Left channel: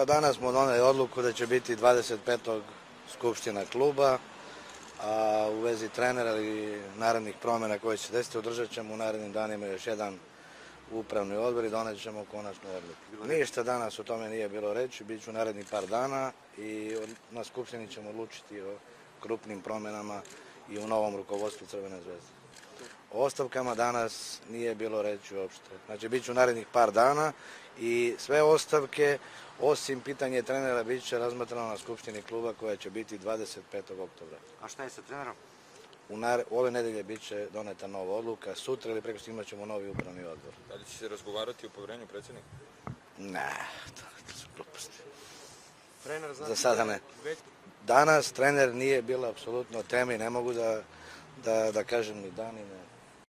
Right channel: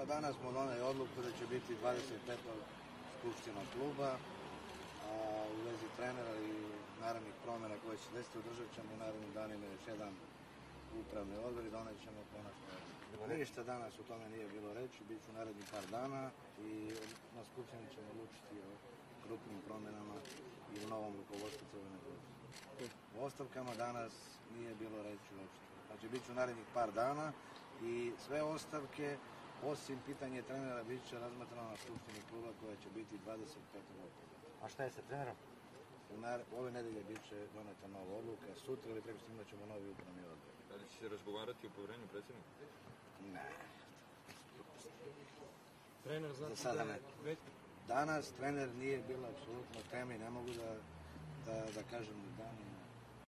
Pa danas smo doneli odluku da će biti 25. skupština kluba, a u vezi trenera i narednih promjena koje će se desiti održat ćemo u narednim danima još jedan upravni odbor i donet ćemo konačnu odluku. Ništa danas o tome nije bilo reći, bit ću narednih par dana i na skupštini ćemo odlučiti o krupnim promjenama i u novom rukovodstvu Crvene zvezde. O ostavkama danas nije bilo reći uopšte. Znači, bit ću narednih par dana i sve ostavke, osim pitanje trenera, bit će razmatrano na skupštini kluba koja će biti 25. oktobra. A šta je sa trenerom? Ove nedelje bit će doneta nova odluka, sutra ili preko imat ćemo novi upravni odbor. Da li će se razgovarati o povjerenju predsjednika? Ne, to su gluposti. Za sada ne. Danas trener nije bilo apsolutno teme i ne mogu da kažem ni dan ni ne.